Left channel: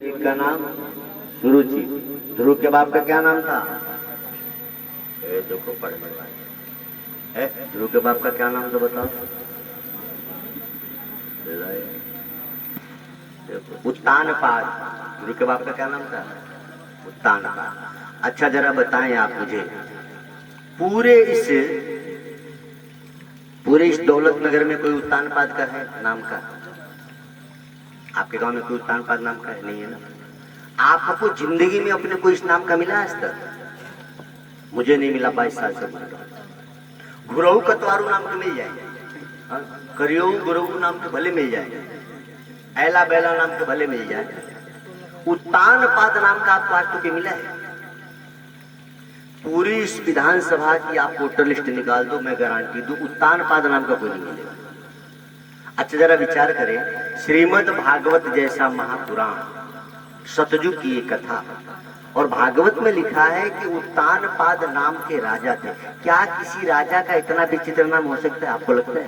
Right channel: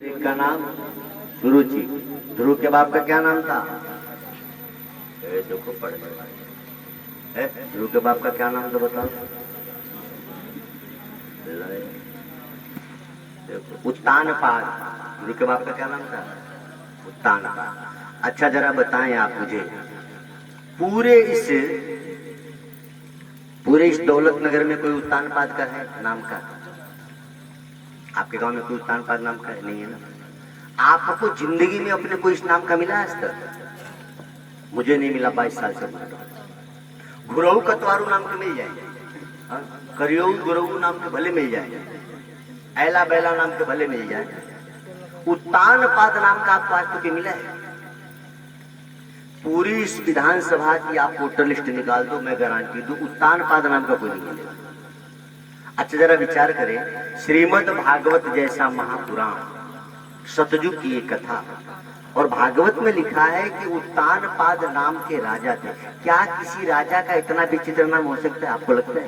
का नाम सुरुचि। ध्रुव के बाप का क्या नाम था? देखो पढ़ने वाले है। ध्रुव के बाप का क्या नाम था बताओ? देखो उत्तानपाद। ध्रुव के बाप का क्या नाम था? उत्तानपाद। अच्छा जरा बताएं आप मुझे, पूरे इस दौलत नगर में कोई उत्तानपाद का है नाम का? आपके गांव में कोई उत्तानपाद नाम का है? नहीं है ना। आपको जिंदगी में अपने को इस नाम का मिला आज तक? मुझे नहीं मिला, 22 साल से बोल रहा हूं। गुरु कतवारू नाम के मिल जाएंगे, करियो गुरु नाम के भले मिल जाएंगे, ऐला बैला नाम के भले मिल जाए, उत्तानपाद नाम का आपको आज तक मिला है? पूरी इस विधानसभा की आप वोटर लिस्ट निकाल दो, मैं गारंटी दूं उत्तानपाद नाम का कोई नहीं मिलेगा। अच्छा जरा विचार करें, श्रीमद् भागवत जैसा महापुराण, सतयुग की एक कथा, और भागवत में लिखा है कि उत्तानपाद नाम के राजा थे। क्या किसी राजा का इतना विचित्र नाम हो सकता है? आपको लगता है?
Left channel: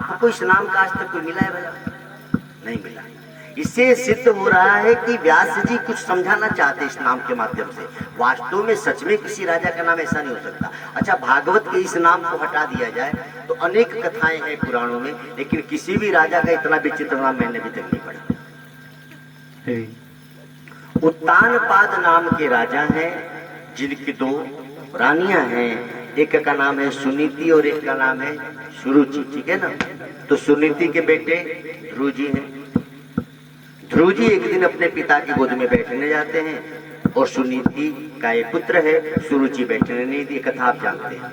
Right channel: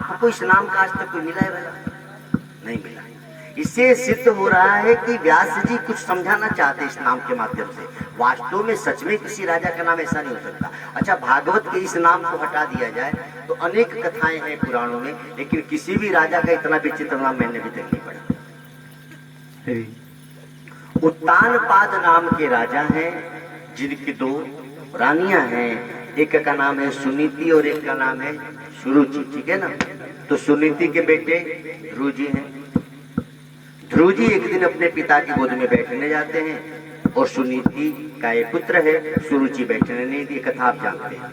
आपको इस नाम का आज तक कोई मिला है भला? नहीं मिला। इससे सिद्ध हो रहा है कि व्यास जी कुछ समझाना चाहते इस नाम के माध्यम से। वास्तव में सच में किसी राजा का नाम ऐसा नहीं हो सकता। अच्छा भागवत के इस नाम को हटा दिया जाए तो अनेक कथाएं हैं पुराणों में, लेकिन किसी भी राजा का इतना विचित्र नाम मैंने अभी तक नहीं पढ़ा। उत्तानपाद नाम के राजा हैं, जिनकी दो रानियां हैं। एक का नाम है सुनीति और एक का नाम है सुरुचि, ठीक है ना। तो सुनीति के बेटे ध्रुव जी हैं। ध्रुव जी एक दिन अपने पिता की गोद में बैठने जाते हैं और सुनीति का एक पुत्र है, सुरुचि बैठने नहीं दी। कथा आप जानते हैं,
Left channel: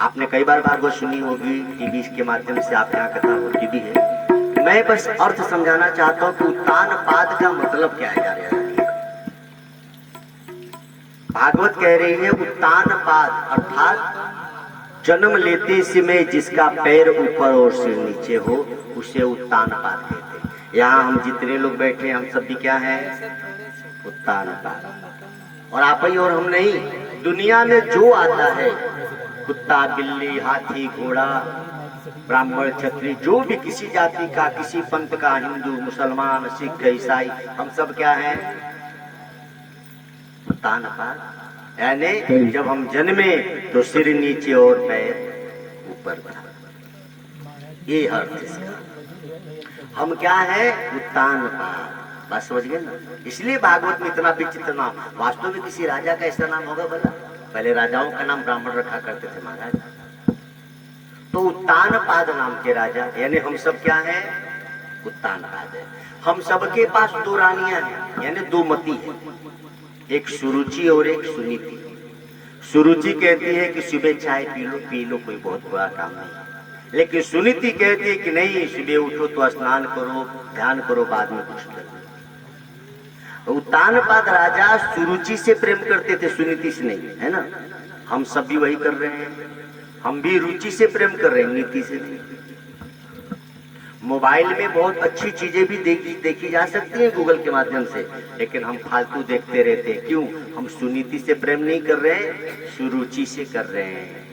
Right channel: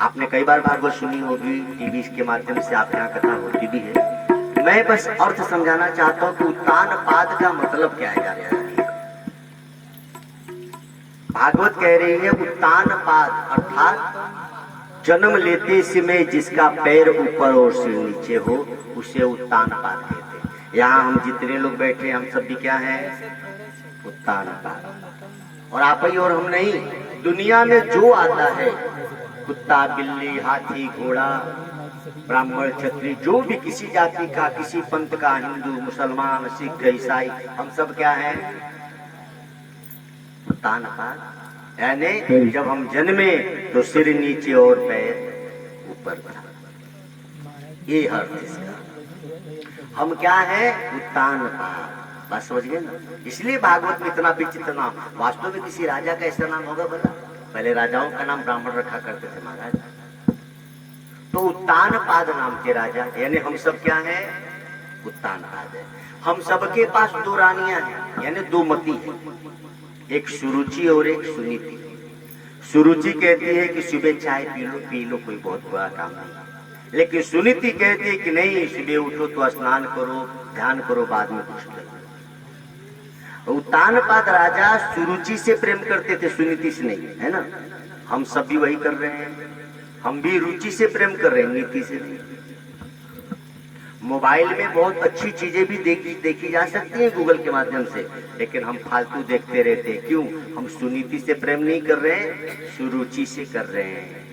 आपने कई बार वो सुनी होगी, टीवी के माध्यम से आप यहाँ कथा होती भी है। मैं बस अर्थ समझाना चाहता हूँ कि उत्तानपाद का मतलब क्या है। भागवत कह रही है उत्तानपाद अर्थात जन्म लेते समय जिसका पैर ऊपर और सिर नीचे हो उसे उत्तानपाद कहते हैं। यहाँ हम जितने लोग बैठे हम सब भी क्या है? उत्तानपाद। और आप ही और हम नहीं, दुनिया में जो आता है, कुत्ता बिल्ली हाथी घोड़ा ब्राह्मण क्षत्रिय, जो भी किसी जाति का, किसी पंथ का, हिंदू मुसलमान सिख ईसाई, हम सब क्या है? उत्तानपाद। यानी जब हम जन्मे तो सिर नीचे और पैर ऊपर था, ये अर्थ इसका। हम क्या है? उत्तानपाद। बस समझ गए ना। इसलिए भागवत में इतना विचित्र नाम। वास्तव में किसी राजा का ऐसा नाम होगा भला? पहले राजाओं का नाम ब्राह्मण रखा करते थे महाराज। तो उत्तानपाद नाम के राजा, यानी हम सब क्या है? उत्तानपाद है। हम सबके पास दो रानियां हैं, यानी दो मती है, एक सुरुचि और एक सुनीति। सुरुचि कहती है कि सुबह चाय पी लो कोई बहुत बुरा काम नहीं, लेकिन सुनीति कहती है कि नहीं, सुबह उठो तो स्नान करो, ध्यान करो, बाद में कुछ करो। उत्तानपाद राजा सुरुचि से प्रेम करते थे, सुनीति से नहीं, है ना। हम सब भी वही कर रहे हैं, हम भी रुचि से प्रेम कर रहे हैं, नीति से नहीं। मोबाइल में बहुत अच्छी चीजें भी देखी जा सकती हैं गूगल के माध्यम से, लेकिन हम फालतू देखते रहते हैं। क्यों? हम सुनीति से प्रेम नहीं कर रहे हैं, सुरुचि से कर रहे हैं।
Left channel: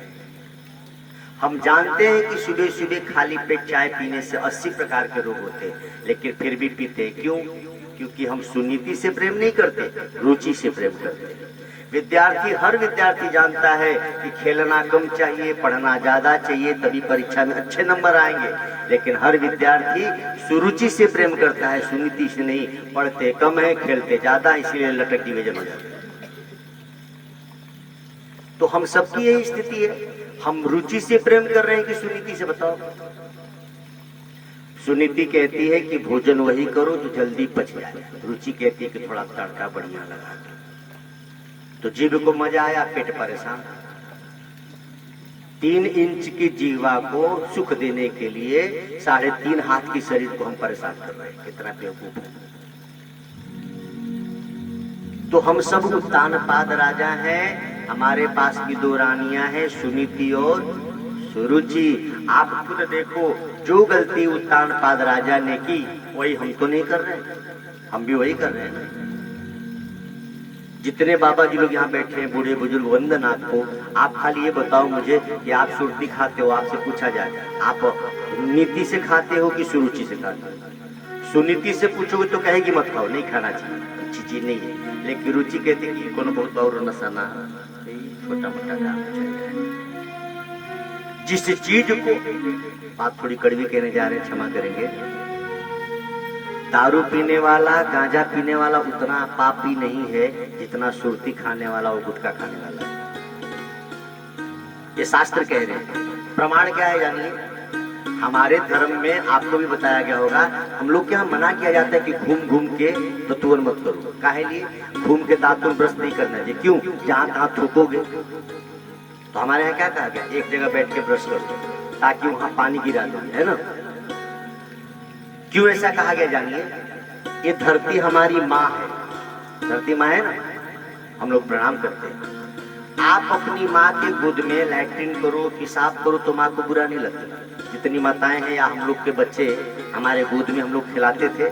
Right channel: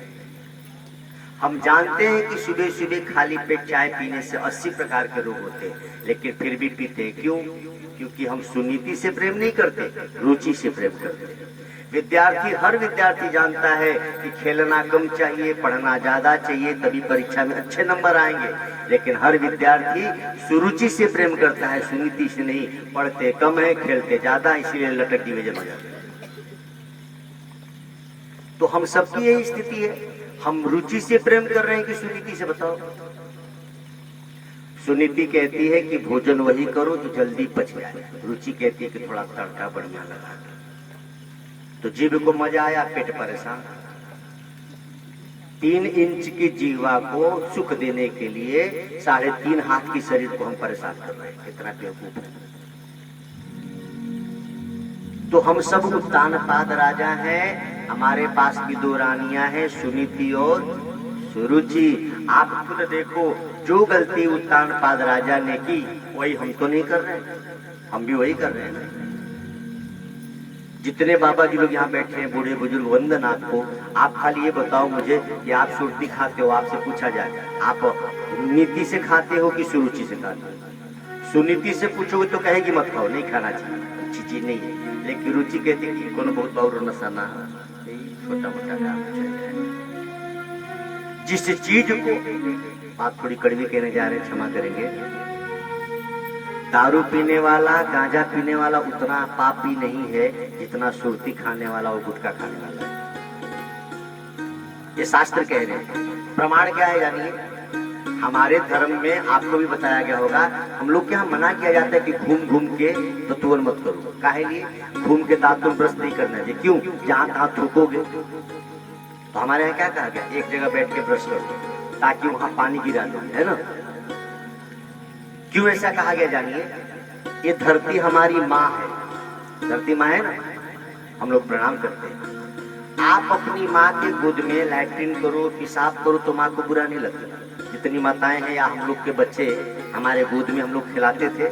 हम जानते हैं कि सुबह सुबह खाली पेट चाय पीने से 80 प्रकार के रोग होते हैं, लेकिन फिर भी पीते हैं। क्यों? क्योंकि हम सुनीति से प्रेम नहीं करते, रुचि से प्रेम करते हैं। विद्यार्थी, हर विद्यार्थी जानता है कि खेलना कम चाहिए, पढ़ना ज्यादा चाहिए, तभी परीक्षा में अच्छे नंबर आएंगे। लेकिन हर विद्यार्थी सुरुचि से प्रेम करता है, सुनीति से नहीं। पढ़ते कम है, खेलते ज्यादा, इसीलिए लटक डिवीजन हो जाते हैं। तो हम सबकी यही स्थिति है। हम रुचि से प्रेम कर रहे हैं कि सुनीति से? बताओ। सुनीति कहती है कि भोजन वही करो जो जल्दी पच जाए, रुचि कहती है कि थोड़ा तड़का बढ़िया लगा दो। तो जीभ को मजा आया, पेट परेशान। 3 इंच की जीवा को सुख देने के लिए 3.5 हाथ की शरीर को हम परेशान कर रहे हैं। कितना बेवकूफ है। तो हम सब उत्तानपाद राजा हैं। हमारे पास भी दो रानियां हैं, सुनीति और सुरुचि। आप खुद देखो, जो गलती उत्तानपाद राजा ने की वही हम तो नहीं कर रहे, हम भी वही कर रहे हैं। जितने बाबा जी लोग यहाँ बैठे हैं, बूढ़े बुजुर्ग, वंदन आपको। आप खाली ये बताओ मुझे कि आप सुरती खाते हो, आपसे पूछा जाए आप नीति से खाते हो कि सुरुचि से खाते हो? सुनीति से पूछोगे तो कहेगी मत खाओ, नहीं खाना चाहिए, अच्छी चीज नहीं है। लेकिन रुचि कहती कि कौन बहुत और नशा ना, छोटा मोटा काम चल रहा है। जिस चीज को आप थोड़ी कड़वी कहने जा रहे हैं, क्षमा करेंगे, दारू पीने वाला, गांजा पीने वाला उतना पापी नहीं है जितना सुरती खाने वाला और गुटखा खाने वाला है। ये शास्त्र कह रहे हैं। प्रमाण क्या है जानिए? हमारे धर्म में आपको भी बताया गया होगा, हम लोग के यहाँ मना किया जाता है कि घूम घूम के तो तुरंत मत करो। काहे लिए? घूम के दांतों ब्रश नहीं करना चाहिए। क्यों? जहाँ तहाँ थूकोगे। तो हमारे यहाँ क्या कहा गया? एक जगह बैठ के ब्रश करो ताकि वहां पानी गिरा दो, है ना? क्यों ऐसा कहा गया जानिए? ये धरती हमारी माँ है, धरती माँ है ना, हम लोग प्रणाम करते हैं। आप अपनी माँ के गोद में लैट्रिन करो, पेशाब करो तो माँ को बुरा नहीं लगता। जितनी माताएं हैं या हम लोग के बच्चे हमारे गोद में हम लोग खिलाते थे,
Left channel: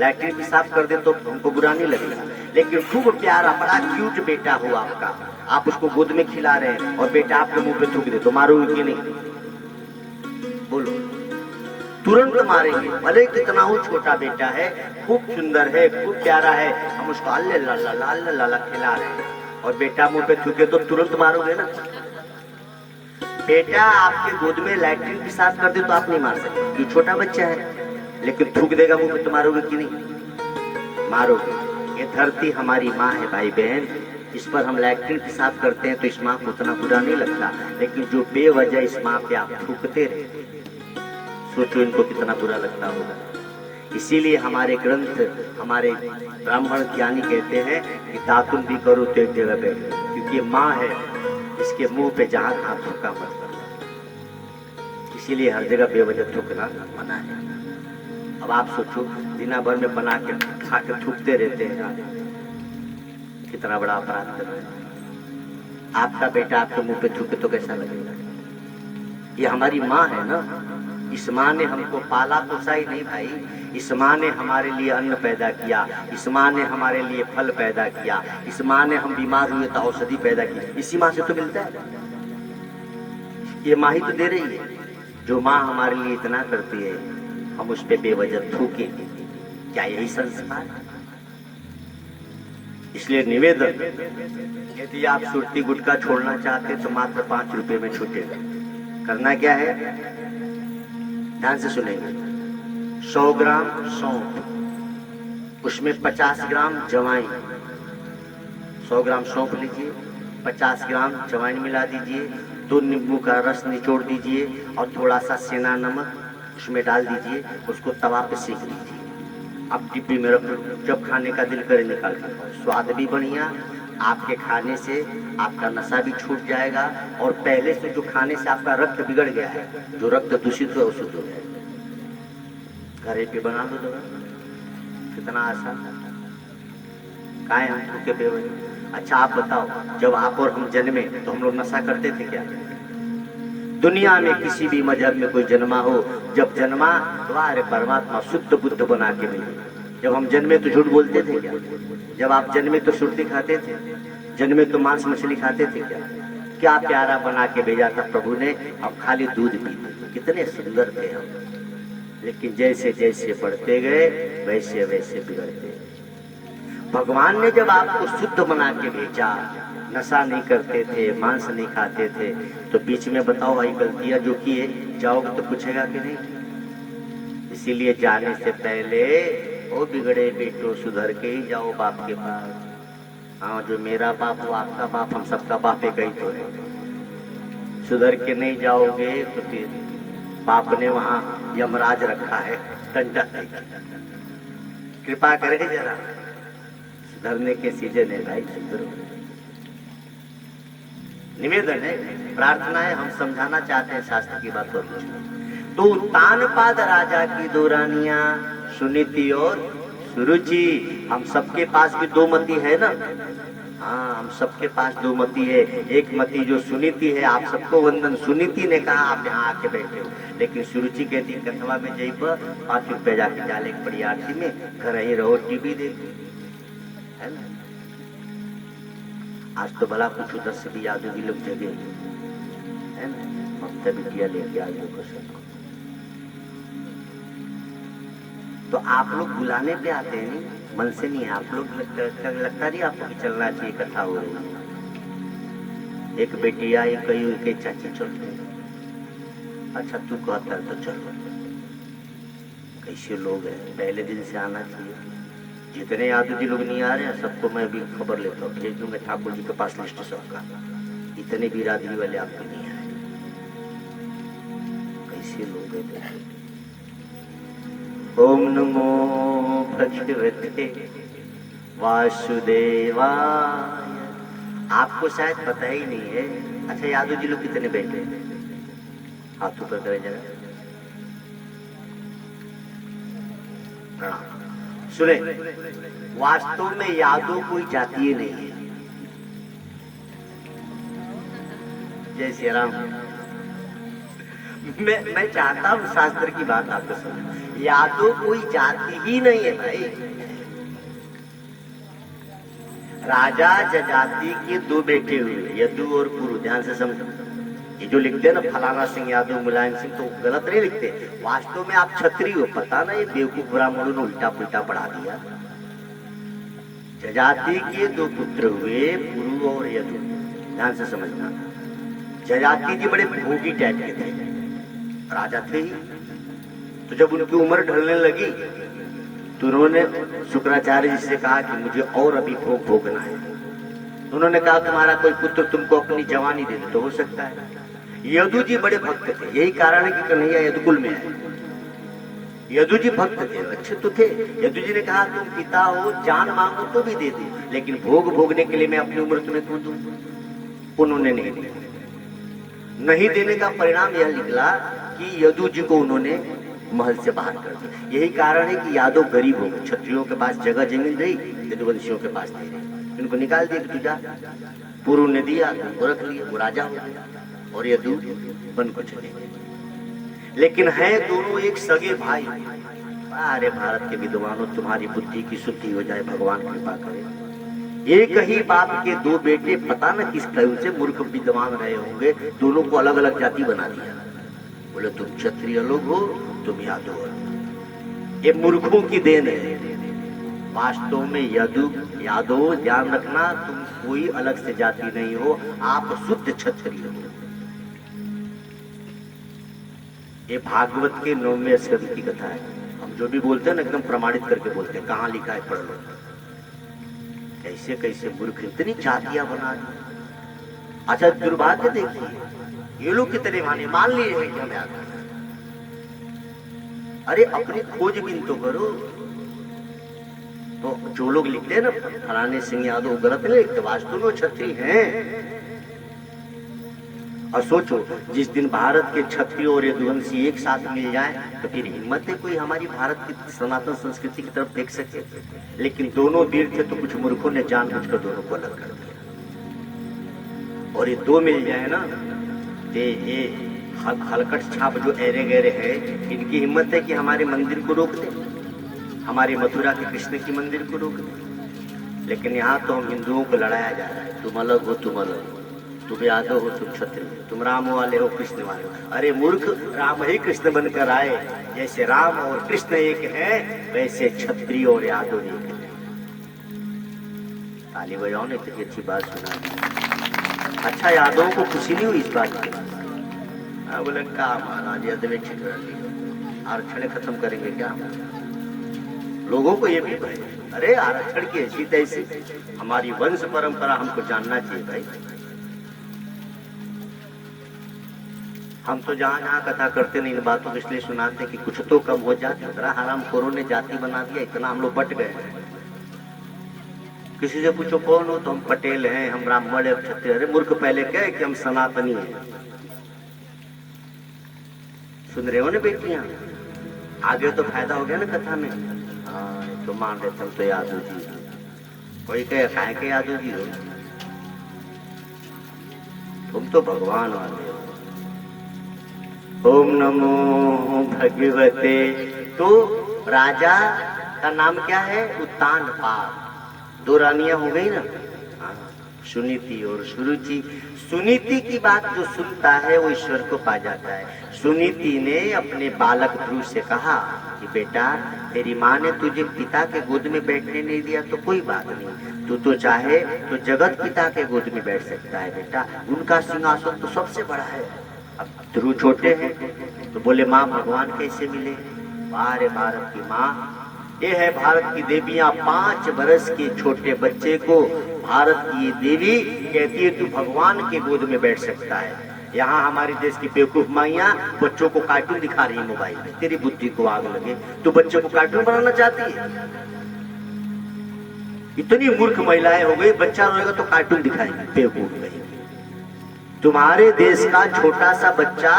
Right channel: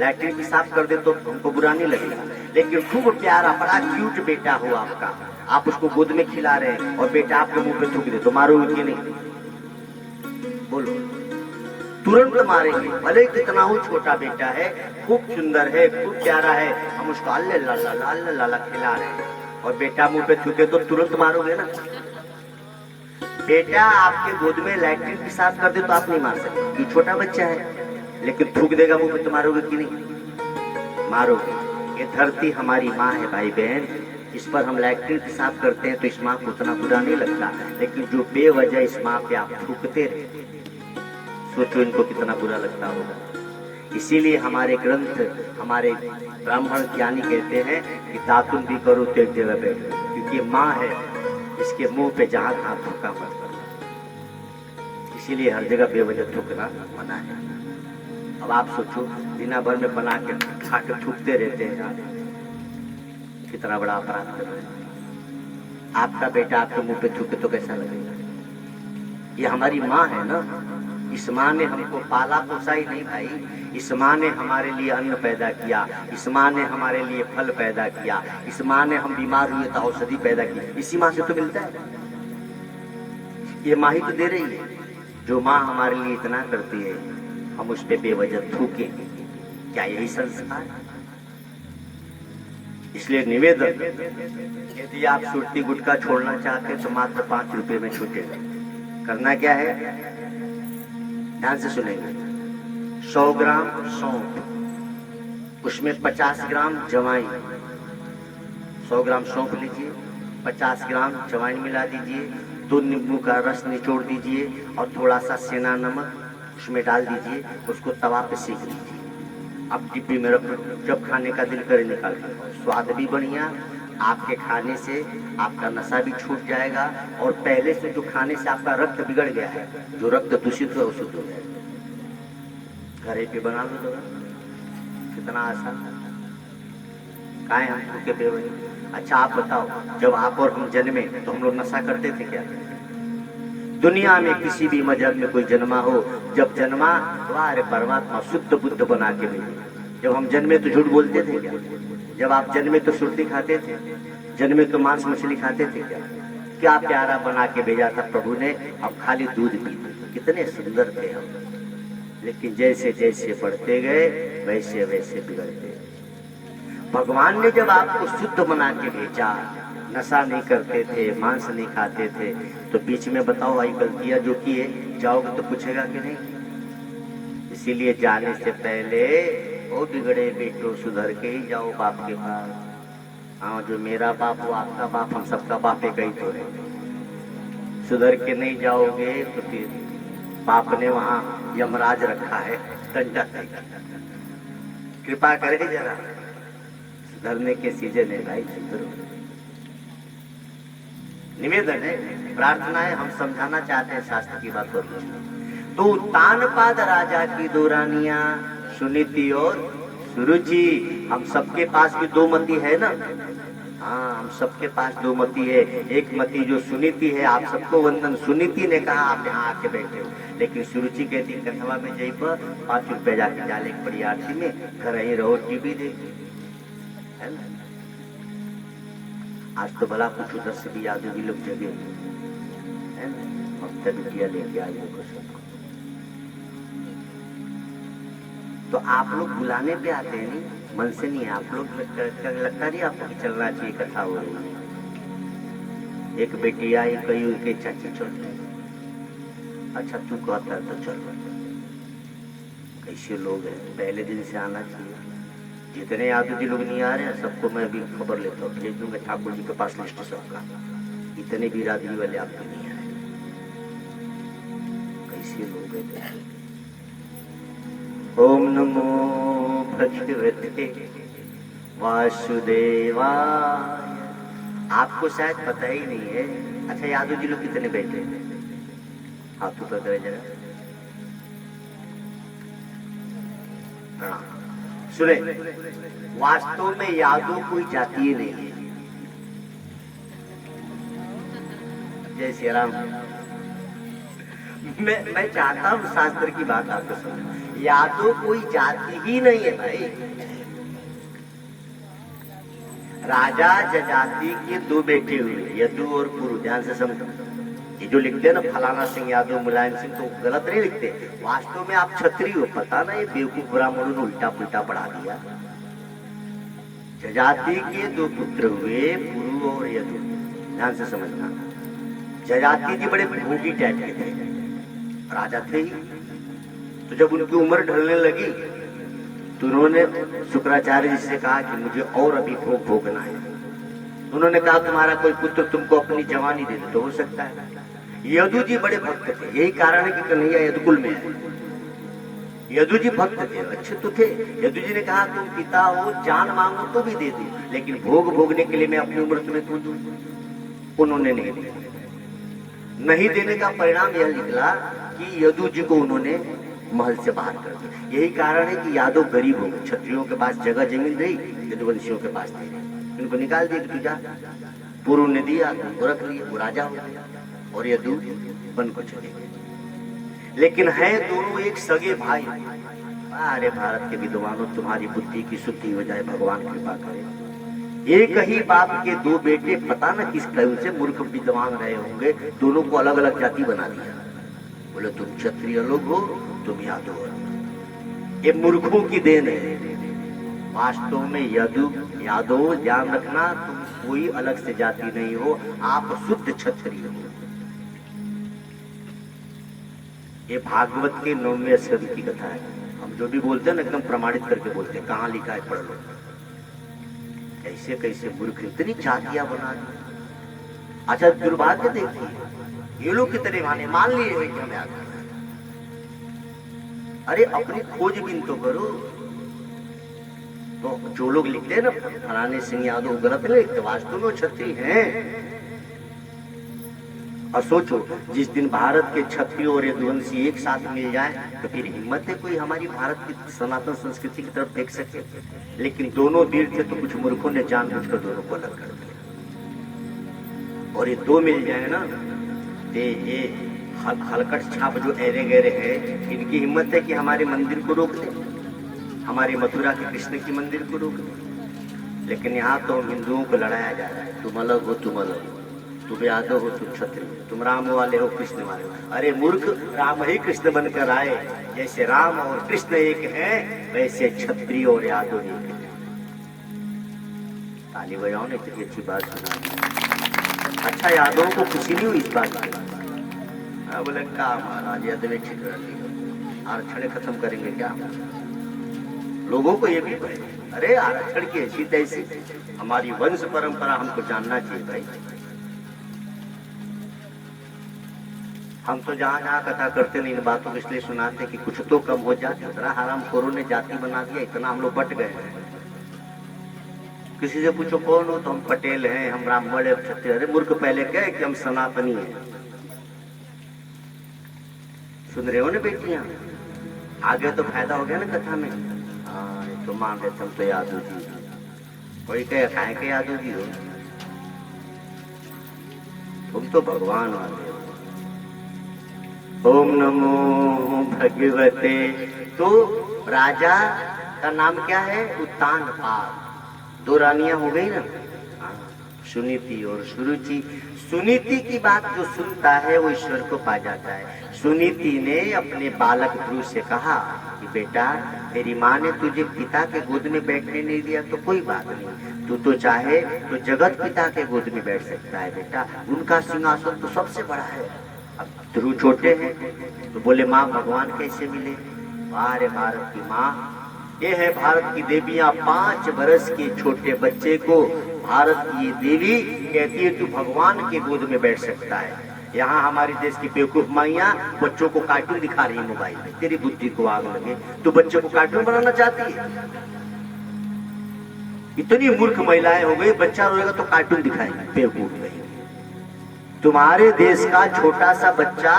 लैट्रिन पेशाब कर दे तो हमको बुरा नहीं लगेगा। लेकिन खूब प्यारा बड़ा क्यूट बेटा हो आपका, आप उसको गोद में खिला रहे हैं और बेटा आपके मुंह पे थूक दे तो मारोगे कि नहीं? बोलो। तुरंत मारेंगे, भले कितना ही छोटा बेटा है, खूब सुंदर है, खूब प्यारा है, हम उसको अल्ले लाला लाला लाला खिला रहे हैं और बेटा मुंह पे थूके तो तुरंत मारोगे ना? बेटा आपके गोद में लैट्रिन पेशाब कर दे तो आप नहीं मार सकते, ये छोटा बच्चा है। लेकिन थूक देगा मुंह पे तो मारोगे कि नहीं? मारोगे। ये धरती हमारी माँ है भाई बहन, इस पर हम लैट्रिन पेशाब करते हैं तो इस माँ को उतना बुरा नहीं लगता। लेकिन जो बेवजह इस माँ पे आप थूकते रहते, सोचो इनको कितना बुरा लगता होगा। इसीलिए हमारे ग्रंथ, हमारे ब्राह्मण ज्ञानी कहते हैं कि दातुन भी करो तो एक जगह पे, क्योंकि माँ है, इसके मुंह पे जहां तहां थूका मत करो। इसीलिए हर जगह बेवजह थूकना मना है। अब आप सोचो, दिना भर में बना के खा के थूकते रहते हैं, कितना बड़ा अपराध कर रहे हैं। आपका बेटा आपके मुंह पे थूके तो कैसा लगेगा? ये हमारी माँ है ना, इस माँ ने हमको पाला पोसा ही नहीं भाई, इस माँ ने हमारे लिए अन्न पैदा किया, इस माँ ने हमारे लिए फल पैदा किया, इस माँ ने हम बीमार हुए तो औषधि पैदा की, इसी माँ से तो मिलता है। ये माँ ही तो दे रही है। जो माँ हमारे लिए इतना करती है, हम उस पे बेवजह थूके, क्या यही संस्कार? इसलिए निवेदन, यदि आप सुरती गुटखा छोड़ना चाहते तो मात्र 5 रुपए में छूटेगा। करना क्या है? ध्यान से सुनेंगे। 100 ग्राम सौंफ, उसमें 50 ग्राम जवाइन, 100 ग्राम सौंफ लीजिए, 50 ग्राम जवाइन मिला दीजिए, 2 नींबू का रस निचोड़ दीजिए और थोड़ा सा सेना नमक उसमें डाल दीजिए, उसको तवा पे सेक दीजिए। अब डिब्बी में रख दो, जब खाने का दिल करे निकाल दो। स्वाद भी बढ़िया, आपके खाने से आपका नशा भी छूट जाएगा और पहले से जो खाने से आपका रक्त बिगड़ गया है, जो रक्त दूषित हो शुद्ध हो जाएगा। घरे पे बना दो दवा, कितना आसान। काहे हम भूखे बेवजह? अच्छा आप बताओ, जब आप और हम जन्मे तो हम लोग नशा करते थे क्या? दुनिया में किसी भी मजहब में कोई जन्मा हो, जब जन्मा तो अरे परमात्मा शुद्ध बुद्ध बना के भेजे। जब हम जन्मे तो झूठ बोलते थे क्या? जब आप जन्मे तो सुर्ती खाते थे, जन्मे तो मांस मछली खाते थे क्या? क्या प्यारा बना के भेजा था प्रभु ने, अब खाली दूध पीते, कितने सुंदर थे हम। लेकिन जैसे जैसे बढ़ते गए वैसे वैसे बिगड़ते। भगवान ने जब आपको शुद्ध बना के भेजा, नशा नहीं करते थे, मांस नहीं खाते थे, तो बीच में बताओ भाई गलतियां जो किए, जाओगे तो पूछेगा कि नहीं? इसीलिए जाने से पहले ओ बिगड़े बेटो सुधर के ही जाओ बाप के पास। हाँ, जो मेरा बाप वो आपका बाप, हम सबका बाप एक ही तो है। सुधर के नहीं जाओगे तो फिर बाप ने वहां यमराज रखा है, दंडा देगा। कृपा करे जरा, सुधरने के सीजन है भाई, सुधरो। निवेदन है, प्रार्थना है, हम समझाना चाहते हैं शास्त्र की बातों को। तो तानपाद राजा की 2 रानियां सुनीति और सुरुचि, हम सबके पास भी 2 मती है ना? हाँ, हम सबके पास 2 मती है। एक मती जो सुनीति है, आप सबको वंदन। सुनीति ने कहा आप यहाँ आके बैठे हो, लेकिन सुरुचि कहती कथवा में जई पर 5 रुपए जाके डाले बड़ी आरती में, घर ही रहो टीवी देखो, है ना? आज तो भला कुछ उधर से भी यादव भी लोग जगे है ना, ममता बिटिया लेके आज को तो आप लोग बुलाने पे आते हैं, नहीं मन से नहीं। आप लोग लगता नहीं आपको कि चलना चाहिए, कथा हो रही। एक बेटी आई, कही उनके चाची चलते हैं। अच्छा तू कहता है तो चलो। कैसे लोग हैं, पहले दिन से आना चाहिए। जितने यादव जी लोग नहीं आ रहे हैं सबको मैं भी खबर लेता हूँ, भेज दूंगा ठाकुर जी के पास लिस्ट सबका। इतने बिरादरी वाले आपको नहीं आए, कैसे लोग हैं। ओम नमो भगवते वासुदेवाय। आपको शायद पता ही नहीं है। अच्छा यादव जी लोग कितने बैठे हैं, हाथ ऊपर करे जरा। सुने, वास्तव में यादव कोई जातीय नहीं है। जय श्री राम। मैं चाहता हूं शास्त्र की बात आपको सुने। यादव कोई जाति ही नहीं है भाई। राजा जजाति के दो बेटे हुए, यदु और पुरु। ध्यान से समझो, ये जो लिखते हैं ना फलाना सिंह यादव, मुलायम सिंह, तो गलत नहीं लिखते। वास्तव में आप क्षत्रिय हो। पता ना ये बेवकूफ ब्राह्मणों ने उल्टा पुल्टा पढ़ा दिया। जजाति के दो पुत्र हुए, पुरु और यदु। ध्यान से समझना। जजाति जी बड़े भोगी टाइप के थे, राजा थे ही। तो जब उनकी उम्र ढलने लगी तो उन्होंने शुक्राचार्य जी से कहा कि मुझे और अभी भोग भोगना है। उन्होंने कहा तुम्हारा कोई पुत्र तुमको अपनी जवानी दे दे तो हो सकता है। यदु जी बड़े भक्त थे, यही कारण है कि कन्हैया यदुकुल में है। यदु जी भक्त थे, अच्छे तो थे। यदु जी ने कहा तुम पिता हो, जान मांगो तो भी दे दो, लेकिन भोग भोगने के लिए मैं अपनी उम्र तुम्हें क्यों दूं। उन्होंने नहीं दिया। नहीं देने का परिणाम यह निकला कि यदु जी को उन्होंने महल से बाहर कर दिया। यही कारण है कि यादव गरीब हो गए। क्षत्रियों के पास जगह जमीन रही, यदुवंशियों के पास नहीं रही। इनको निकाल दिया कि तुझा। पुरु ने दिया, उनको रख लिया, वो राजा हो गया। और यदु बन को चले गए। लेकिन है दोनों एक सगे भाई। अरे भारत के विद्वानों, तुम्हारी बुद्धि की शुद्धि हो जाए, भगवान कृपा करे। एक ही बाप के दो बेटे, पता न किस टाइम से मूर्ख विद्वान रहे होंगे, दोनों को अलग अलग जाति बना दिया। बोले तुम क्षत्रिय लोग हो, तुम यादव हो। ये मूर्खों की देन है। वास्तव में यादव, ध्यान रखना, तुम कोई अलग से जाति नहीं हो, आप शुद्ध क्षत्रिय हो। ये भागवत के 9वें स्कंद की कथा है। हम जो भी बोलते हैं ना एकदम प्रमाणित करके बोलते हैं, कहाँ लिखा है पढ़ लो। कैसे कैसे मूर्ख इतनी जातियां बना दी। अच्छा दुर्भाग्य देखिए, ये लोग कितने माने, मान लिए कि हम याद। अरे अपनी खोजबीन तो करो। तो जो लोग लिखते हैं ना फलाने सिंह यादव, गलत नहीं लिखते, वास्तव में क्षत्रिय हैं। और सोचो, जिस दिन भारत के क्षत्रिय और यदुवंशी एक साथ मिल जाए तो फिर हिम्मत है कोई हमारी भारत की सनातन संस्कृति की तरफ देख सके। लेकिन दोनों वीर थे तो कुछ मूर्खों ने जानबूझकर दोनों को अलग कर दिया। और ये दो मिल जाए ना, ये हलकट छाप जो एरे गहरे है, इनकी हिम्मत है कि हमारे मंदिर को रोक दे, हमारे मथुरा के कृष्ण की मंदिर को रोक दे। लेकिन यहाँ तो हम हिंदुओं को लड़ाया जा रहा है, तुम अलग हो, तुम अलग हो, तुम यादव हो, तुम क्षत्रिय हो, तुम राम वाले हो, कृष्ण वाले हो। अरे मूर्ख, राम ही कृष्ण बनकर आए। जैसे राम और कृष्ण एक है, वैसे क्षत्रिय और यादव एक है। ताली बजाओ ने इतनी अच्छी बात सुना। अच्छा यादवों को खुशी नहीं हुई इस बात की। बोले क्या महाराज यादव आरक्षण खत्म करेंगे क्या। लोगों को ये भी भाई, अरे आरक्षण की ऐसी तैसी, हमारी वंश परंपरा हमको जानना चाहिए भाई। हम तो जहाँ जहाँ कथा करते नहीं इन बातों को इसलिए सुनाते कि कुछ तो कम हो जाए। दूसरा हराम खोरों ने जाति बना दिया, इतना हम लोग बट गए हैं। किसी से पूछो कौन हो, तो हम पटेल हैं, हम ब्राह्मण है, क्षत्रिय। अरे मूर्ख, पहले क्या है कि हम सनातनी हैं। सुन रहे हो ना बेटियां, आगे तो फायदा हो गया ना कथा में। हाँ तो मान रहे तुम तो यादव जी, कोई कहे खाए के यादव जी हो, तुम तो भगवान वाले हो। ओम नमो भगवते। तो राजा का नाम क्या है, उत्तानपाद। दो रानियां हो गई ना, सुनीति और सुरुचि। सुनीति की बात जो सुनता है वो ईश्वर को पा जाता है। सुनीति ने अपने बालक ध्रुव से कहा कि बेटा तेरी माँ ने तुझे पिता के गोद में बैठने नहीं दिया तो कोई बात नहीं, तू तो चाहे तो जगत पिता के गोद में बैठ सकता है बेटा, उनका सिंहासन तो सबसे बड़ा है। अब ध्रुव छोटे हैं तो बोले माँ भगवान कैसे मिले? अरे भारत की माँ, ये है भारत की देवियां। 5 वर्ष के छोटे बच्चे को भारत की देवी कहती है तू भगवान के गोद में बैठ सकता है। यहाँ हमारे देश की बेवकूफ माइयां बच्चों को कार्टून दिखा रही है मोबाइल में। तेरी बुद्धि को आग लगे, तू बच्चों को कार्टून बनाना चाहती है? इतनी मूर्ख महिलाएं हो गई, बच्चा रोएगा तो कार्टून दिखाएगी, बेवकूफ नहीं। तुम्हारे देश का छोटा सा बच्चा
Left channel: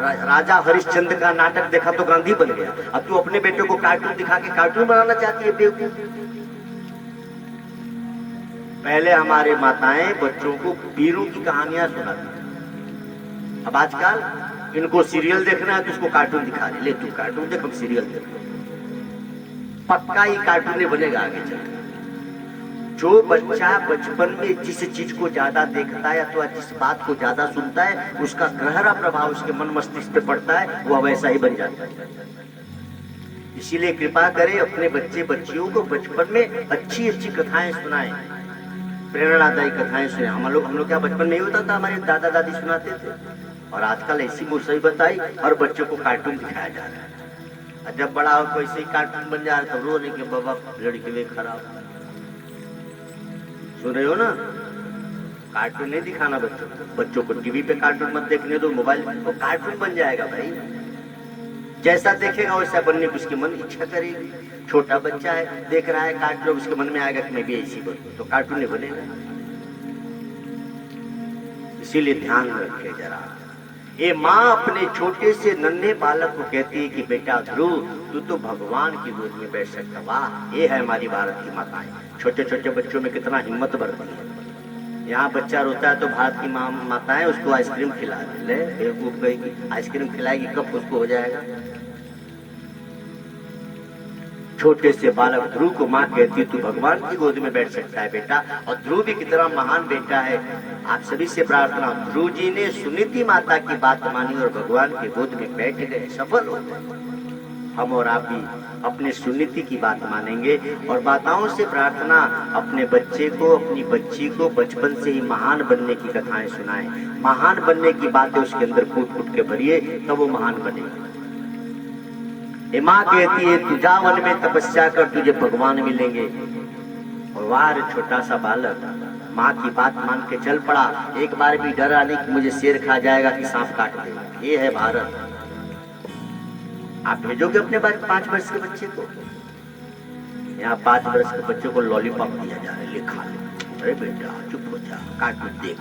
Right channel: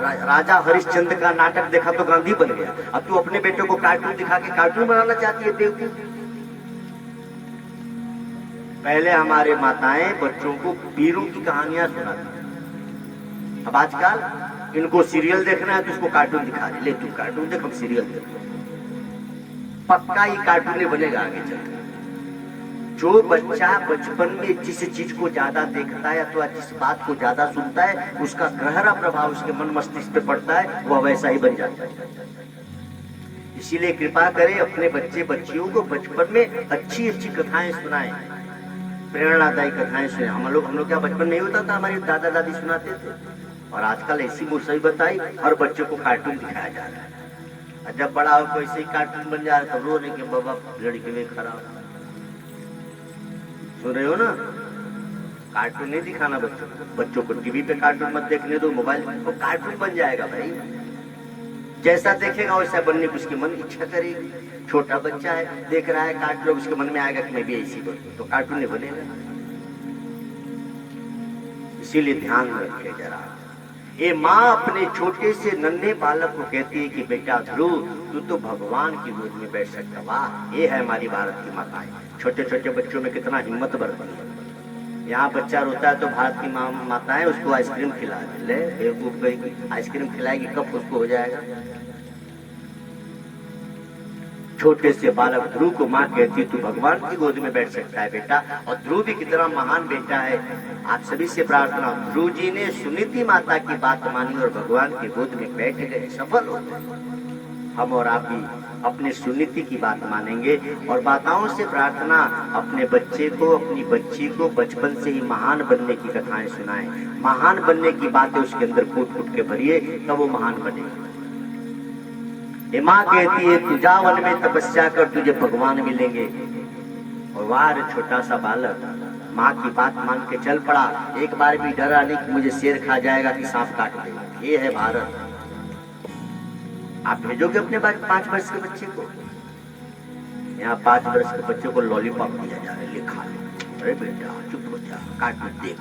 राजा हरिश्चंद्र का नाटक देखा तो गांधी बन गया, अब तू अपने बेटे को कार्टून दिखा के कार्टून बनाना चाहती है, बेवकूफ। पहले हमारे माताएं बच्चों को वीरों की कहानियां सुनाती, अब आजकल इनको सीरियल देखना है तो उसको कार्टून दिखा रहे, ले तू कार्टून देख, हम सीरियल देखो। पक्का ये कार्टून बनेगा आगे चलकर। जो बच्चा बचपन में जिस चीज को ज्यादा देखता है अथवा जिस बात को ज्यादा सुनता है उसका गहरा प्रभाव उसके मन मस्तिष्क पे पड़ता है, वो वैसा ही बन जाता है। इसीलिए कृपा करें अपने बच्चे बच्चियों को बचपन में अच्छी अच्छी कथाएं सुनाएं, प्रेरणादायी कथाएं सुने। हम लोग क्या बचपन नहीं होता था, हमारे दादा दादी सुनाते थे, और आजकल ऐसी मुसई बताई और बच्चों को कार्टून दिखाया जा रहा है। जब बड़ा हो तो ऐसे ही कार्टून बन जा रहा है, तो रो नहीं कि बाबा लड़के में खराब। सुन रहे हो ना? कार्टून नहीं दिखाना बच्चों को। टीवी पे कार्टून मत देखने दो, मोबाइल तो कार्टून बन जाएगा भाई। जैसा देखेगा वैसा बनने की उसकी मन इच्छा करेगी। छोटा बच्चा है देख रहा है कार्टून, उसके मन में आएगा कि मैं भी ऐसी बनूं, तो कार्टून नहीं बनेगा। इसीलिए ध्यान रखे जरा। ये माँ अपने छोटे से नन्हे बालक को कहती है कि बेटा ध्रुव तू तो भगवान की गोद में बैठ सकता। वाह, ये है हमारी भारत की माताएं। छोटे छोटे बच्चों में कितना हिम्मत बढ़ती है। यहाँ बच्चा रोता है तो भारत की माताएं उसको आइसक्रीम खिला ले, बेवकूफ कहेगी आइसक्रीम खिलाएगी कब उसको हो जाएगा। छोटे से बालक ध्रुव को माँ कहती तू भगवान की गोद में बैठ सकता है बेटा, और ध्रुव भी कितना महान बेटा है। आप सभी से प्रार्थना, ध्रुव जी ने सुनीति माता की बात मानी और भगवान की गोद में बैठ गए, सफल हो गए। हम और आप भी अपने सुनीति की बात मानेंगे और माताओं से प्रार्थना अपने बच्चे को अपनी बच्ची को बचपन से ही महान बनने की कथाएं सुनाएं, महान बनने की बातें उसके अंदर फूट फूट के भरिए, तब वो महान बनेगा। ये माँ कहती है तू जा वन में तपस्या कर, तुझे भगवान मिलेंगे। और वार छोटा सा बालक माँ की बात मान के चल पड़ा। एक बार भी डरा नहीं कि मुझे शेर खा जाएगा कि सांप काट देगा। ये है भारत। आप भेजोगे अपने 5 वर्ष के बच्चे को? यहाँ 5 वर्ष के बच्चे को लॉलीपॉप दिया जा रहा है, ले खा ले। अरे बेटा चुप हो जा, काट मत देख।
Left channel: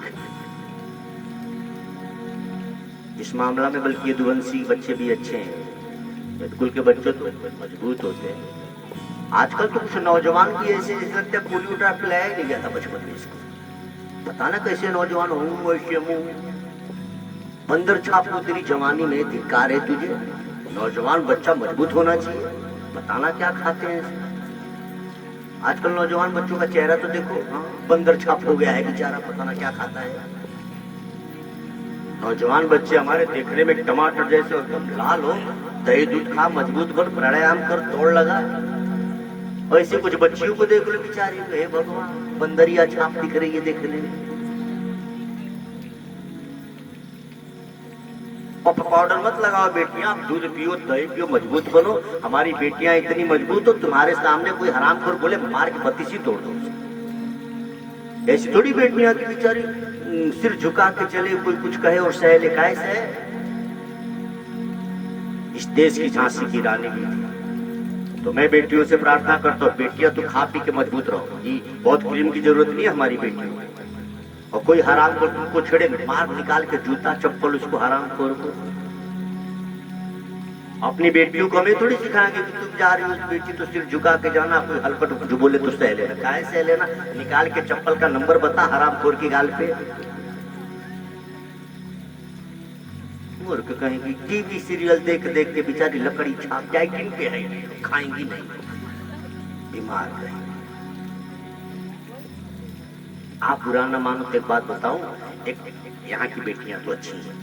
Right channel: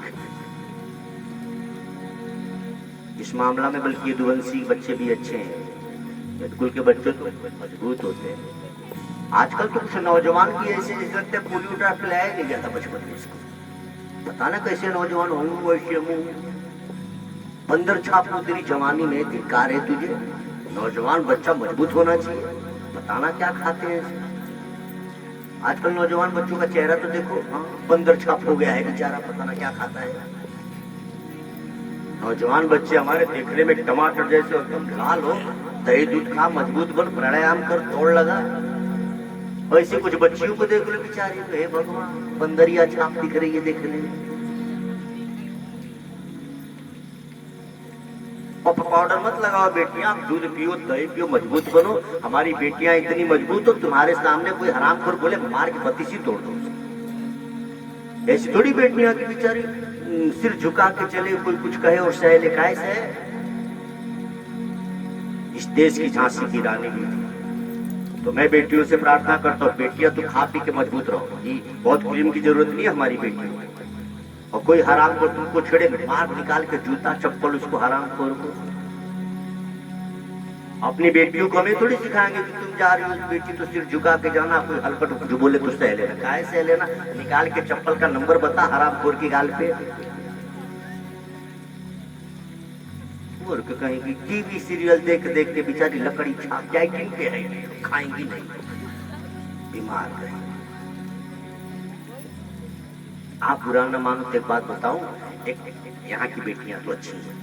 इस मामला में बल्कि यदुवंशी बच्चे भी अच्छे हैं, स्कूल के बच्चे तो मजबूत होते हैं। आजकल तो कुछ नौजवान की ऐसे लगता है पोलियो ड्रॉप पिलाया नहीं गया था बचपन में इसको। पता ना कैसे नौजवान हूँ वैसे मुँह अंदर छाप को तेरी जवानी में धिक्कार है तुझे। नौजवान बच्चा मजबूत होना चाहिए, बताना क्या खाते हैं। आजकल नौजवान बच्चों का चेहरा तो देखो, बंदर छाप हो गया है बेचारा, पता ना क्या खाता है। नौजवान बच्चे हमारे देखने में टमाटर जैसे एकदम लाल हो, दही दूध खा, मजबूत कर, प्राणायाम कर, दौड़ लगा। ऐसे कुछ बच्चियों को देख लो बेचारी, हे भगवान बंदरिया छाप दिख रही है देखने में। पाउडर मत लगाओ बेटियां, आप दूध पियो, दही पियो, मजबूत बनो। हमारी बेटियां इतनी मजबूत हो, तुम्हारे सामने कोई हरामखोर बोले मार के बत्तीसी तोड़ दो। ऐसी थोड़ी बेटियां की बेचारी सिर झुका के चले, कोई कुछ कहे और सह ले। कैसे है इस देश की झांसी की रानी भी थी। तो मैं बेटियों से प्रार्थना करता हूँ, बेटियां तो खा पी के मजबूत रहो। बहुत क्रीम की जरूरत नहीं है हमारी बेटियों को। और कोई हराम को तुमको छेड़े, मार निकाल के जूता चप्पल उसको हराम खोर को। अपनी बेटियों को हमें थोड़ी सिखाएंगे कि तुम जा रही हो बेटी तो सिर झुका के जाना, कोई हलकट जो बोले तो सह लेना। काहे सह लेना? निकाल के चप्पल का नंबर बता हराम खोर की गाल पे। और कहेंगी टीवी सीरियल देख देख के बेचारी लकड़ी छाप जाएगी पे है, खाएंगी नहीं, बीमार रहेंगी। आप बुरा न मानो तो एक बात बताऊं, एक यहाँ की बेटियां तो अच्छी हैं।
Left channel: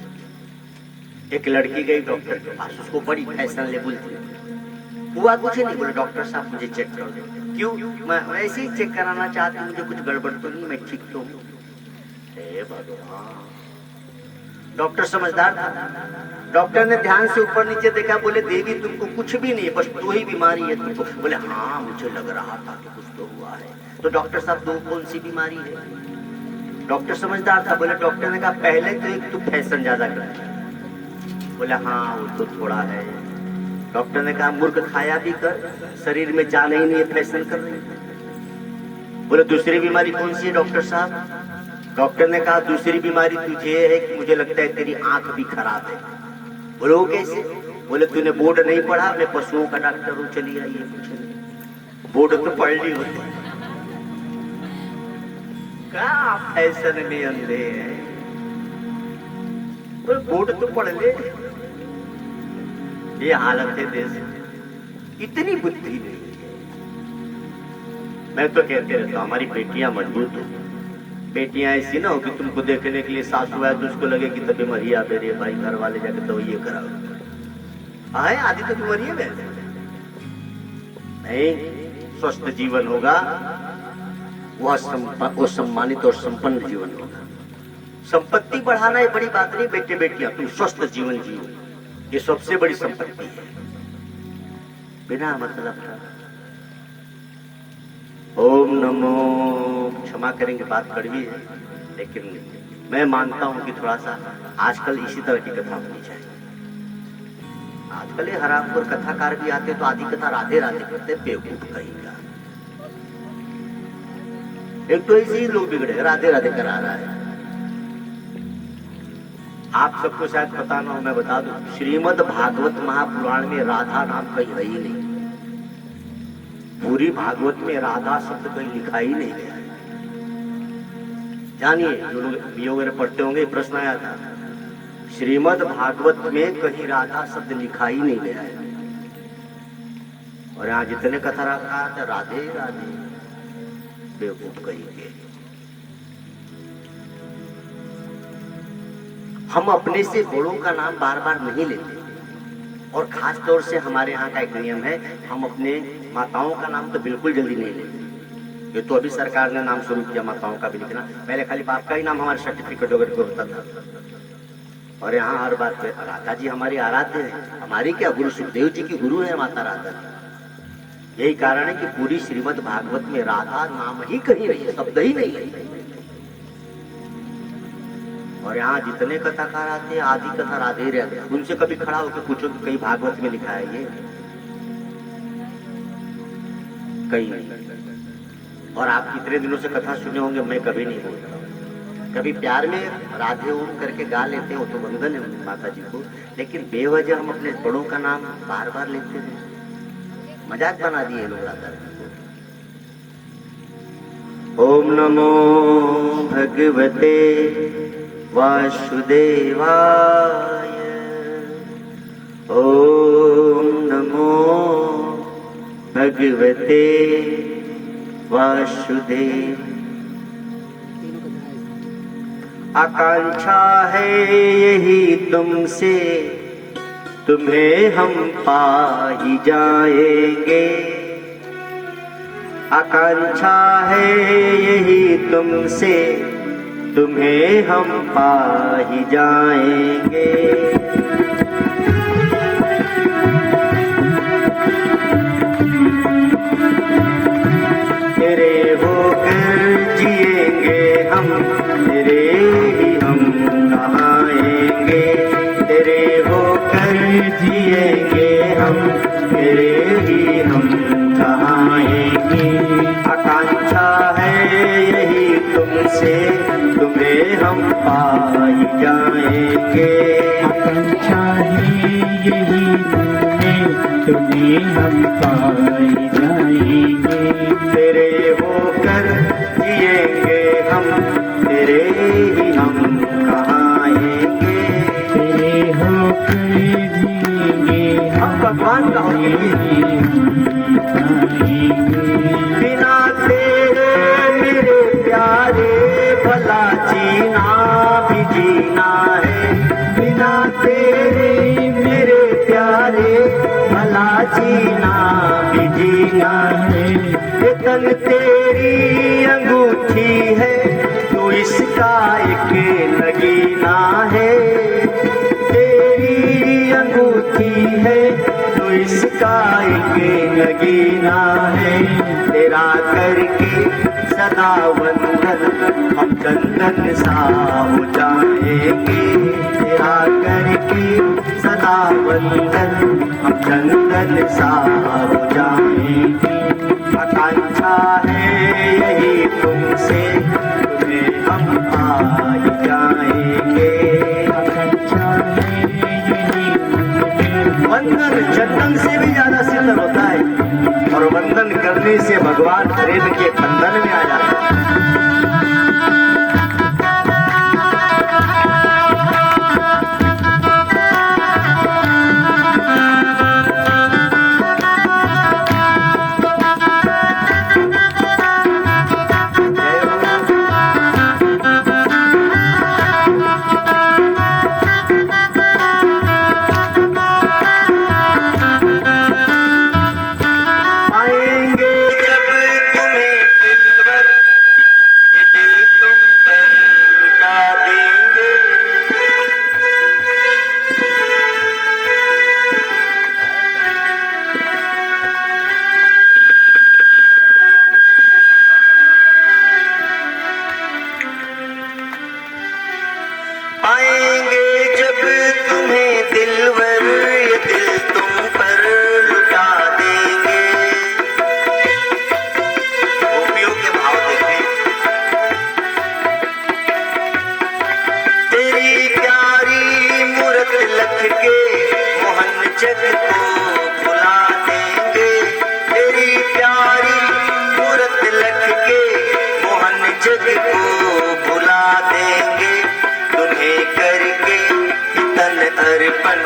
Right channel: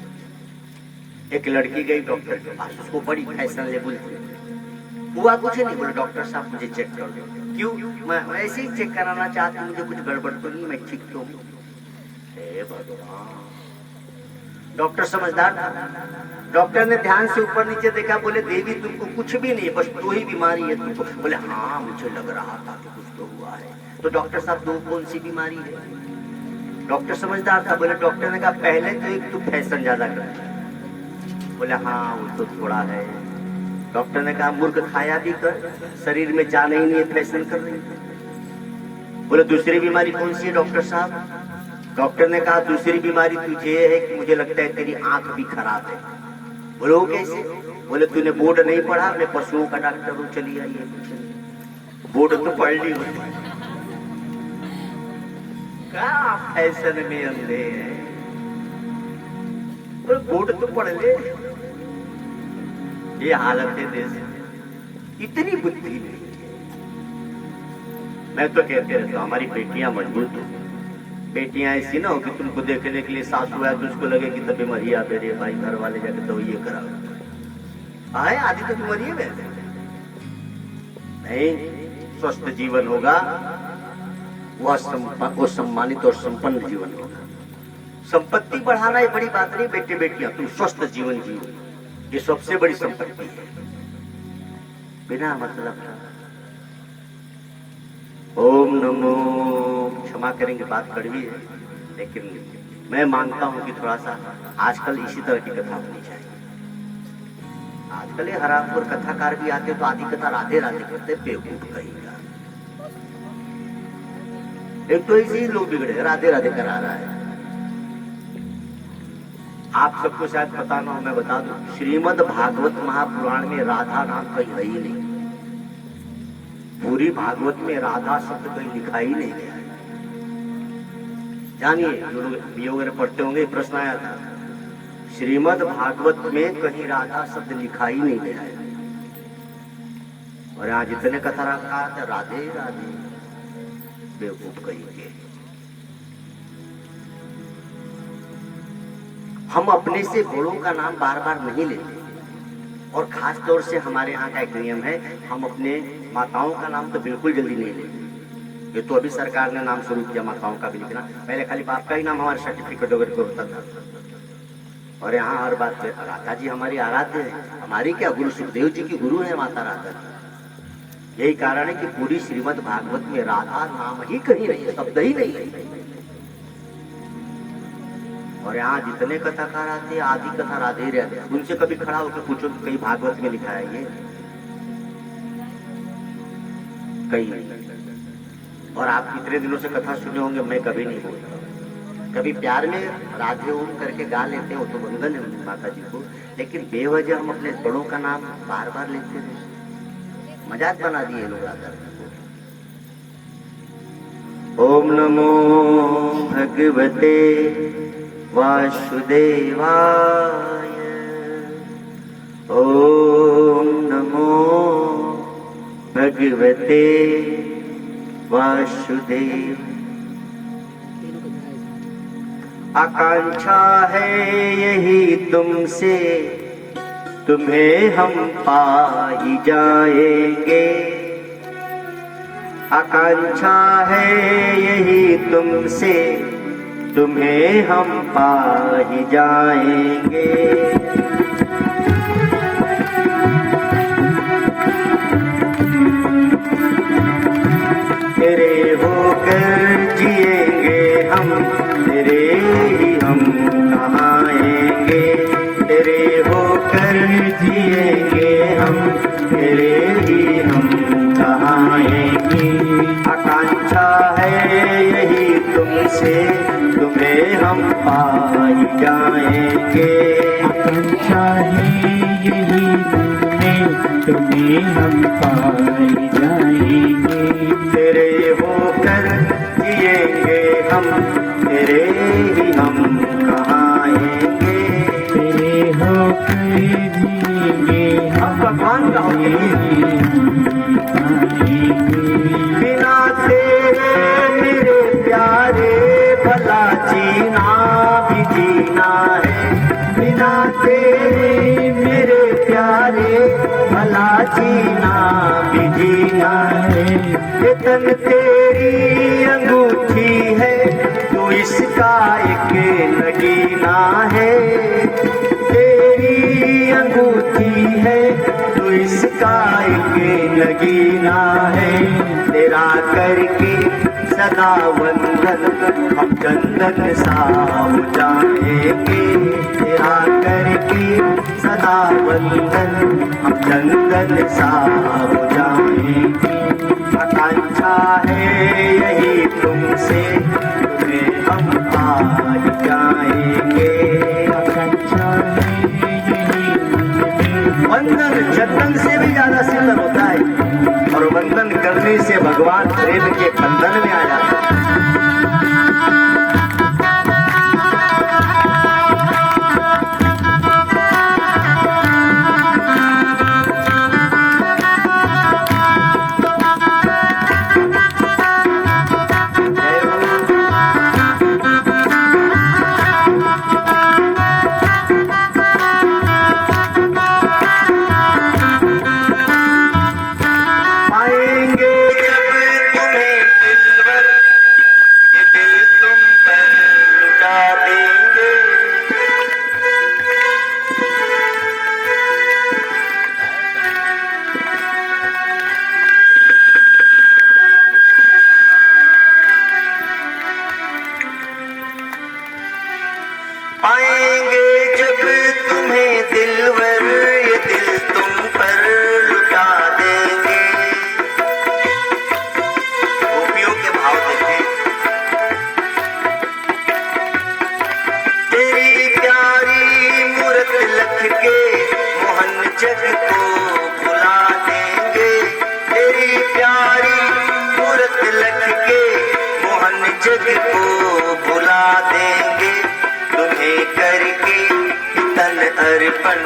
एक लड़की गई डॉक्टर के पास, उसको बड़ी फैशन लेवल थी। हुआ कुछ नहीं। बोले डॉक्टर साहब मुझे चेक कर दो। क्यों? मैं ऐसे ही चेक कराना चाहती हूँ, मुझे कुछ गड़बड़ तो नहीं, मैं ठीक तो हूँ। हे भगवान, डॉक्टर समझदार था। डॉक्टर ने ध्यान से ऊपर नीचे देखा, बोले देवी तुमको कुछ भी नहीं, बस दो ही बीमारी है तुमको। बोले हाँ मुझे लग रहा था कि कुछ तो हुआ है। तो डॉक्टर साहब दो कौन सी बीमारी है? डॉक्टर समझदार था। बोले डॉक्टर ने कहा पहले तो एक तू फैशन ज्यादा कर। बोले हाँ वो तो थोड़ा है। डॉक्टर ने कहा मूर्ख खाया भी कर, शरीर में जान ही नहीं है, फैशन कर रही। बोले दूसरी बीमारी कौन सी है डॉक्टर साहब? डॉक्टर ने कहा दूसरी बीमारी तुझे है कि मुझे लगता है तेरी आंख भी खराब है। बोले वो कैसे? बोले तूने बोर्ड नहीं पढ़ा, मैं पशुओं का डॉक्टर हूँ, चली आई है। कुछ नहीं, बोर्ड तो पढ़ ली होती। क्या फैशन में अंधे हैं? बोले बोर्ड तो पढ़ ले। ये हालत है देश, इतनी बुद्धि नहीं। मैं तो कहते रहता हूँ हमारी बेटियां मजबूत हो। बेटियां ऐसी ना हो कि तुमको देखने के लिए सासू है तो उसको लगे कि तो बीमारियां मेरे भाई घर वाले जाके तो ये कराओ। आए आदि तो बीमारी है नहीं। स्वस्थ जीवन होगा, वो सम्मानित और संपन्न जीवन होगा। संपत्ति बढ़ाना ये बड़ी बात नहीं बेटे बेटियां, तुम स्वस्थ जीवन जियो, ये सबसे बड़ी संपत्ति है। बिना मतलब का ओम नमो, क्षमा करेंगे बात कड़वी है, लेकिन मैं मानता हूं कि थोड़ा सा आजकल इसी तरह की कथा होनी चाहिए। आजकल ये हरामखोर कथाकार भी आते तो आधी कथा राधे राधे करते, बेवकूफ कहेगा। एक तो ऐसे ही लोग बिगड़े, राधे राधे करा रहा है। आप सबको शायद पता ना हो, मैं बता दूं, श्रीमद् भागवत महापुराण में राधा नाम कहीं है ही नहीं। पूरी भागवत में राधा शब्द कहीं लिखा ही नहीं गया। जानिए, जो लोग बीए वगैरह पढ़ते होंगे, प्रश्न आया था, श्रीमद् भागवत में कहीं राधा शब्द लिखा ही नहीं गया है। और यहाँ जितने कथा रखा था राधे राधे, बेवकूफ कहेंगे। हम अपने से बड़ों का नाम बार बार नहीं लेते, और खास तौर से हमारे यहाँ का एक नियम है, हम अपने माताओं का नाम तो बिल्कुल जल्दी नहीं लेते। ये तो अभी सरकार ने नाम शुरू किया माताओं का भी लिखना, पहले खाली बाप का ही नाम हमारे सर्टिफिकेट वगैरह को होता था। और यहाँ हर बात पे राधा जी हमारी आराध्य है। हमारी क्या, गुरु सुखदेव जी की गुरु है माता राधा जी। यही कारण है कि पूरी श्रीमद् भागवत में राधा नाम ही कहीं नहीं है, शब्द ही नहीं है। और यहाँ जितने कथाकार आते हैं आदि कथा राधे रहते हैं। उनसे कभी खड़ा होकर पूछो कि कहीं भागवत में लिखा है ये? कहीं नहीं। और आप कितने दिनों से कथा सुने होंगे, मैं कभी नहीं बोलता। कभी प्यार में राधे ओम करके गा लेते हो तो वंदन है माता जी को, लेकिन बेवजह हम अपने बड़ों का नाम बार बार लेते हैं। मजाक बना दिए लोग राधा को। ओम नमो भगवते वासुदेवाय। ओम नमो भगवते वासुदेव। आकांक्षा है यही तुमसे, तुम्हें हम पा ही जाएंगे। आकांक्षा है यही तुमसे, तुम्हें हम पा ही जाएंगे। तेरे होकर जिएंगे हम, तेरे ही हम नहाएंगे। तेरे होकर जिएंगे हम, तेरे ही हम नहाएंगे। आकांक्षा है यही तुमसे, तुम्हें हम पाई जाएंगे। आकांक्षा है यही तुमसे, तुम्हें हम पाई जाएंगे। ये तन तेरी अंगूठी है, तू इसका एक नगीना है। तेरी अंगूठी है, तू इसका एक नगीना है। तेरा करके सदा वंदन हम चंदन साम जाएंगे। तेरा करके सदा वंदन चंदन साम जाएंगे। आकांक्षा है यही तुमसे, तुम्हें हम पार जाएंगे। वंदन जपन से भी ज्यादा सिद्ध होता है, और वंदन करने से भगवान प्रेम के बंधन में आ जाता है। पाएंगे जब तुम्हें दिलवर, ये दिल तुम पर लुटा देंगे। गोपियों के भाव देखे, तेरी प्यारी मूरत लख के मोहन जग को भुला देंगे। तेरी प्यारी मूरत लख के मोहन जग को भुला देंगे। तुम्हें करके तन अर्पण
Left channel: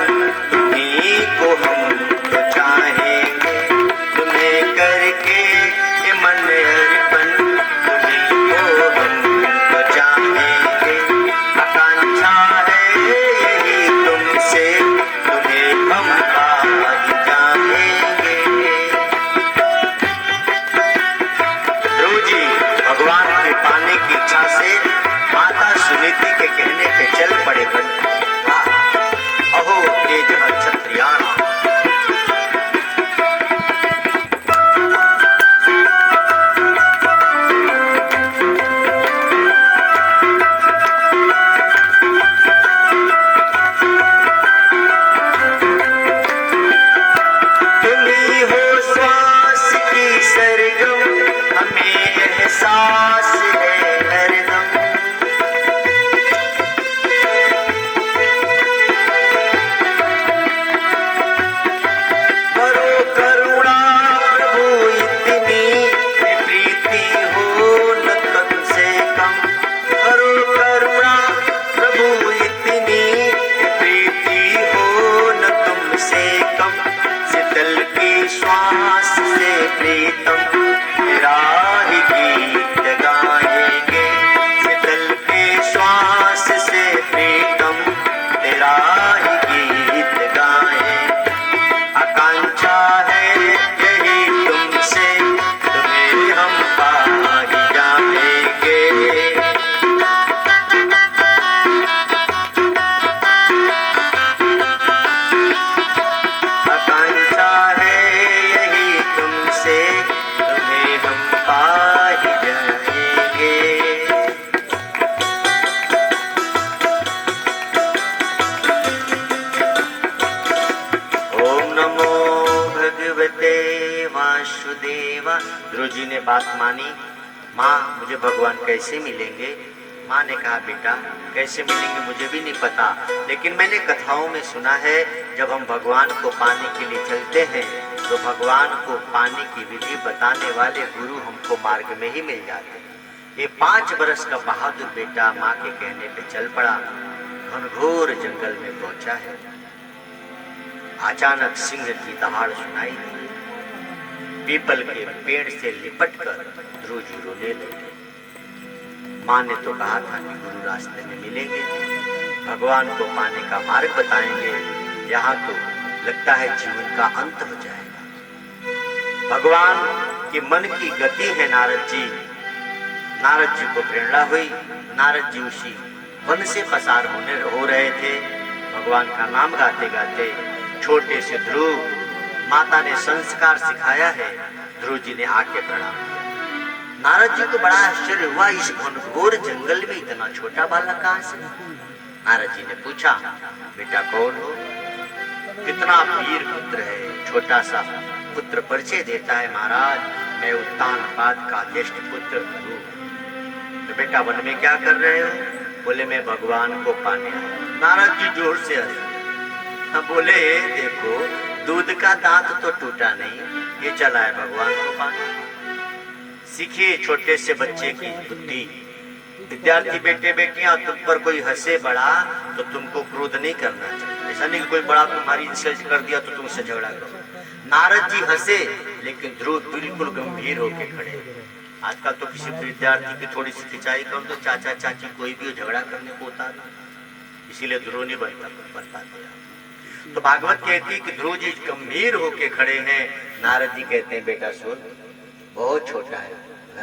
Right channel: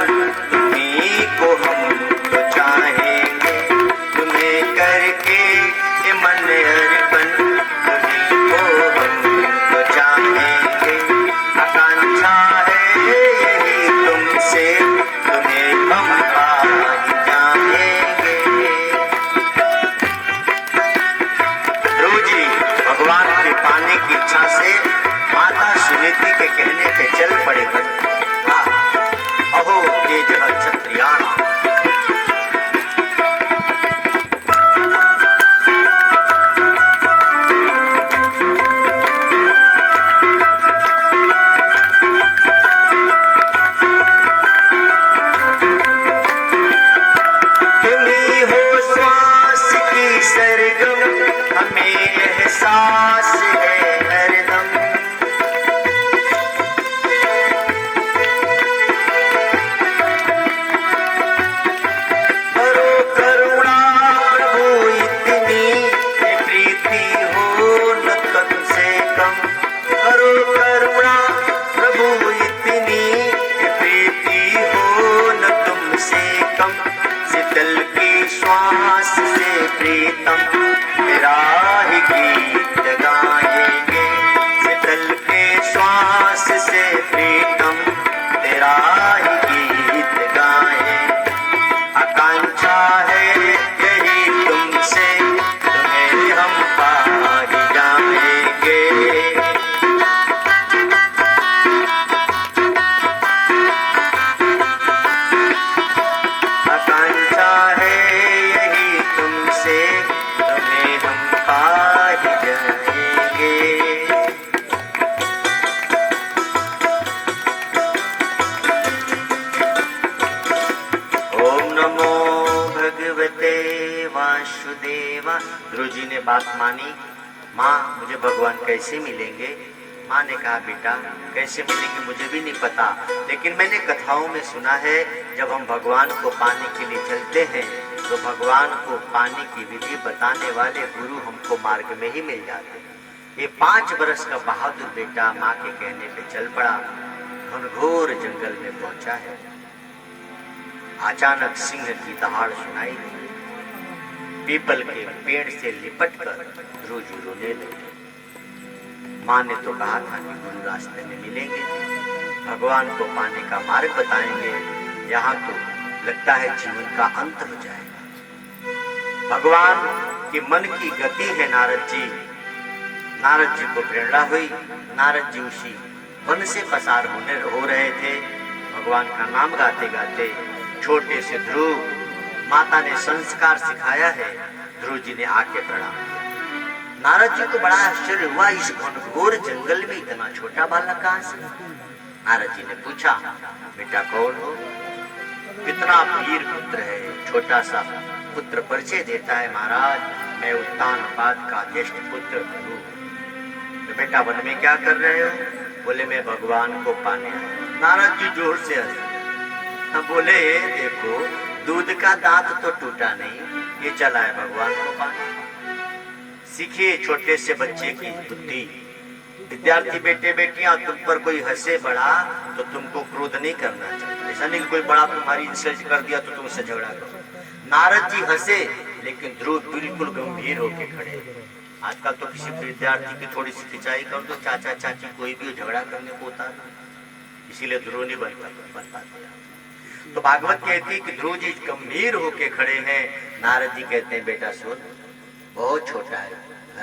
तुम्हीं को हम चाहेंगे। तुम्हें करके मन अर्पण तुम्हीं को हम चाहेंगे। आकांक्षा है यही तुमसे, तुम्हें हम पार जाएंगे। जी भगवान के पाने की इच्छा से माता सुनीति के कहने पे चल पड़े भक्त। अहो तेज क्षत्रियाणा, तुम्हीं हो श्वास की सरगम, हमें एहसास है हरदम। करो करुणा प्रभु इतनी, ये प्रीति हो न तुमसे कम। करो करुणा प्रभु इतनी, ये प्रीति हो न तुमसे कम। शीतल की श्वास से प्रीतम तेरा ही गीत गाएंगे। शीतल के श्वास से प्रीतम तेरा ही गीत गाएंगे। आकांक्षा है यही तुमसे, तुम्हें हम पार जाएंगे। आकांक्षा है यही तुमसे, तुम्हें हम पार जाएंगे। ओम नमो भगवते वासुदेवा। ध्रुव जी ने बात मानी, माँ मुझे भगवान कैसे मिलेंगे? माँ ने कहा बेटा कैसे मिलेंगे मुझे भी नहीं पता, लेकिन मैंने कथाओं में सुना है जब हम भगवान को पाने के लिए चलते हैं तो भगवान को पाने की विधि बताने वाले गुरु हमको मार्ग में ही मिल जाते हैं। ये 5 बरस का बहादुर बेटा माँ के कहने पे चल पड़ा, घनघोर जंगल में पहुंचा है। अचानक सिंह की दहाड़ सुनाई दी। पीपल के पेड़ से लिपटकर ध्रुव जी रोने लगे। माँ ने तो कहा था कि गुरु रास्ते में मिलेंगे, भगवान को पाने का मार्ग बताएंगे, यहाँ तो लगता है जीवन का अंत हो जाएगा। भगवान के मन की गति है नारद जी। नारद जी को प्रेरणा हुई। नारद जी उसी वन से पसार हो रहे थे, भगवान का नाम गाते गाते। छोटे से ध्रुव, माता ने संस्कार सिखाया है, ध्रुव जी ने आके प्रणाम किया। नारद जी को बड़ा आश्चर्य हुआ, इस घनघोर जंगल में इतना छोटा बालक कहां से? नारद जी ने पूछा, बेटा कौन हो? कितना वीर पुत्र है। छोटा सा पुत्र परिचय देता है, महाराज मैं उत्तानपाद का ज्येष्ठ पुत्र हूँ। तो बेटा वन में क्या कर रहे हो? बोले मैं भगवान को पाने आया। नारद जी जोर से हंसे। बोले देखो दूध का दांत तो टूटा नहीं, ये चला है भगवान को पाने। सीखिए छोटे से बच्चे की बुद्धि। विद्यार्थी बेटे बेटियां, तुम पर कोई हंसे बड़ा तो तुमको क्रोध नहीं करना चाहिए। ऐसा नहीं कोई बड़ा तुम्हारी इंसल्ट कर दिया तो तुमसे झगड़ा करो। नारद जी हंसे, लेकिन ध्रुव बिल्कुल गंभीर होके खड़े। आजकल तो किसी विद्यार्थी की थोड़ी सी खिंचाई कर दो, चाचा चाची कोई भी झगड़ा करने को उतार दो, इसीलिए ध्रुव नहीं बनता। तो भागवत कहती है कि ध्रुव जी गंभीर होके खड़े हैं। नारद जी कहते हैं बेटा सुन, बहुत छोटा है,